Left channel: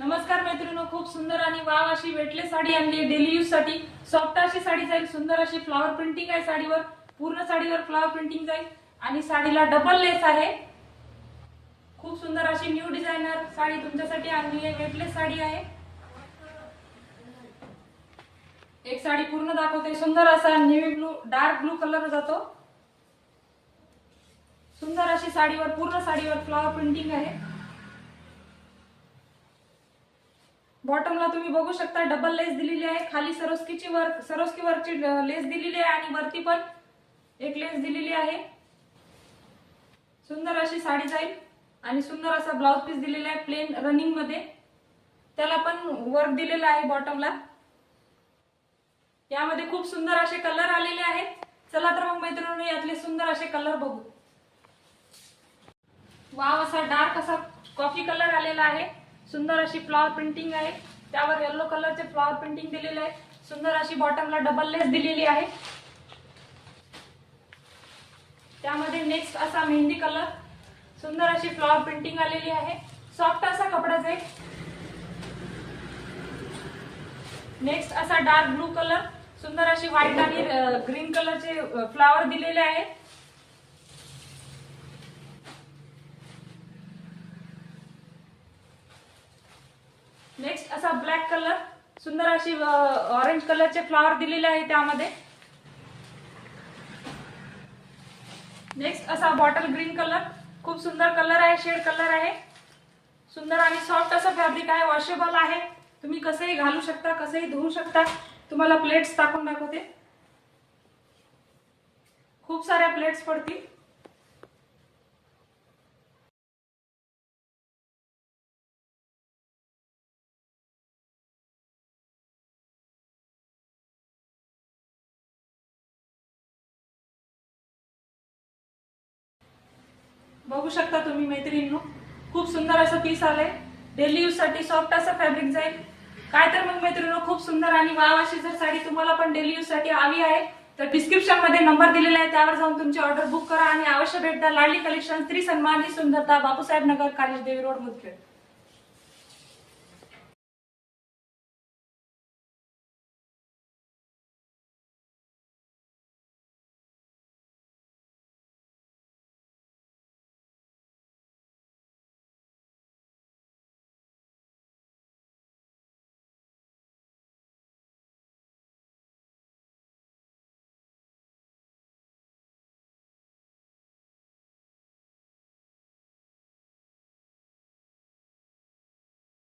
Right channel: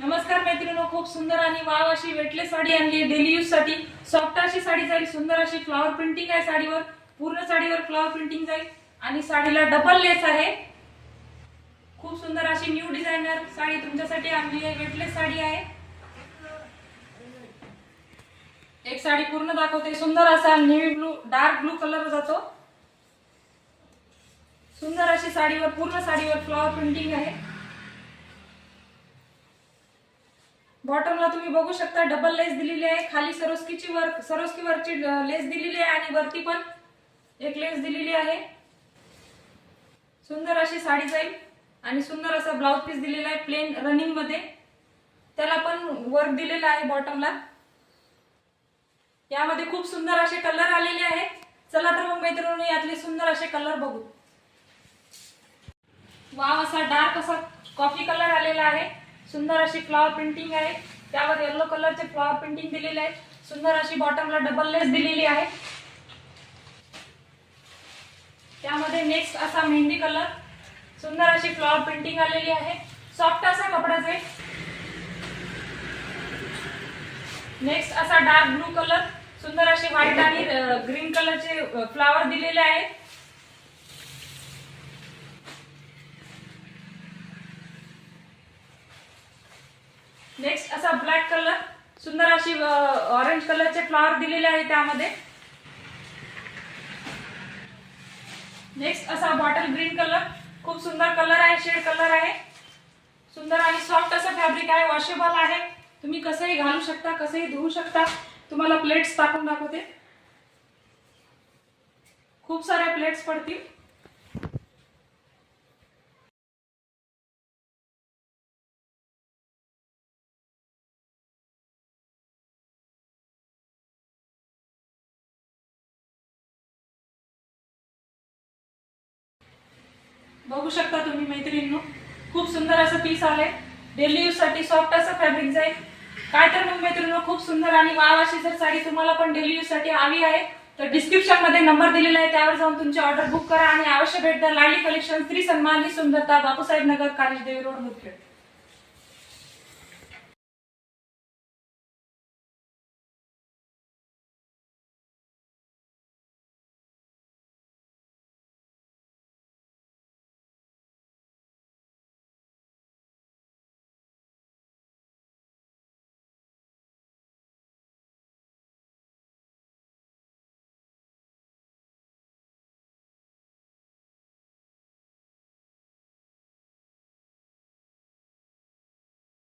नमस्कार मैत्रिणींनो, खूप सुंदर आणि वाव अशी वेटलेस साडी आणली आहे डेली यूज साठी। सॉफ्ट अशी साडी जाईल, सुंदर अशी फ्लॉवर प्रिंटिंग आहे साडीवर, पूर्ण साडीवर फ्लॉवर प्रिंटिंग जाईल आणि साडीला डबल लेस आहे। खूप सुंदर अशी न्यू डिझायनर साडी तुमच्यासाठी आणली आहे, वेटलेस साडी आहे। एक साडी पूर्ण दाखवते, सुंदर असा navy blue dark blue colour जातो। सुंदर अशी साडीवर पूर्ण साडीवर फ्लॉवर प्रिंटिंग आहे। बॉटमला तुम्ही बघू शकता डबल लेस दिलेली आहे, खाली सरोस्की वरची लेस दिलेली आहे आणि वरती पण एक लेस दिलेली आहे। सुंदर अशी साडी जाईल आणि सुंदर असा ब्लाउज पीस दिलेला आहे प्लेन रनिंग मध्ये, त्याला पण वर्क दिलेला आहे बॉटमला। यामध्ये खूप सुंदर असे कलर आलेले आहेत। चला तर मग मैत्रिणींनो, यातले सुंदर असे कलर बघू। वाव असा डार्क असा कॉफी कलर आलेला आहे, सुंदर अशी फ्लॉवर प्रिंटिंग आहे, त्यावर येलो कलरचे फ्लॉवर प्रिंटिंग दिलेले आहे। सुंदर अशी बॉटमला डबल लेस दिलेली आहे। त्यामध्ये नेक्स्ट असा मेहंदी कलर, सुंदर अशी फ्लॉवर प्रिंटिंग आलेली आहे, सॉफ्ट असा कपडा जाईल। नेक्स्ट असा डार्क ब्लू कलर, सुंदर अशी व्हाईट आणि ग्रीन कलरचे फ्लॉवर दिलेले आहे। नेक्स्ट असा ब्लॅक कलर, सुंदर अशी ऑरेंज कलरचे फ्लॉवर दिलेले आहे त्यामध्ये। नेक्स्ट असा बॉटल ग्रीन कलर, खूप सुंदर कलर आहे, शेड कलर आहे, सुंदर आणि सॉफ्ट असं फॅब्रिक आहे, वॉशेबल आहे, तुम्ही कसंही घालू शकता, कसंही धुवू शकता। तुम्हाला प्लेट्स टाकून दाखवते, खूप साऱ्या प्लेट्स पडतील। बघू शकता तुम्ही मैत्रिणींनो, खूप सुंदर असं पीस आलंय, डेली यूज साठी सॉफ्ट असं फॅब्रिक जाईल। काय तर मग मैत्रिणींनो, खूप सुंदर आणि वाव अशी जर साडी तुम्हाला पण डेली यूज साठी हवी आहे तर डिस्क्रिप्शन मध्ये नंबर दिलेला आहे, त्यावर जाऊन तुमची ऑर्डर बुक करा आणि अवश्य भेट द्या। लाडली कलेक्शन, स्त्री सन्माननी सुंदरता, बापूसाहेब नगर, कालिश देवी रोड, मुदखेड।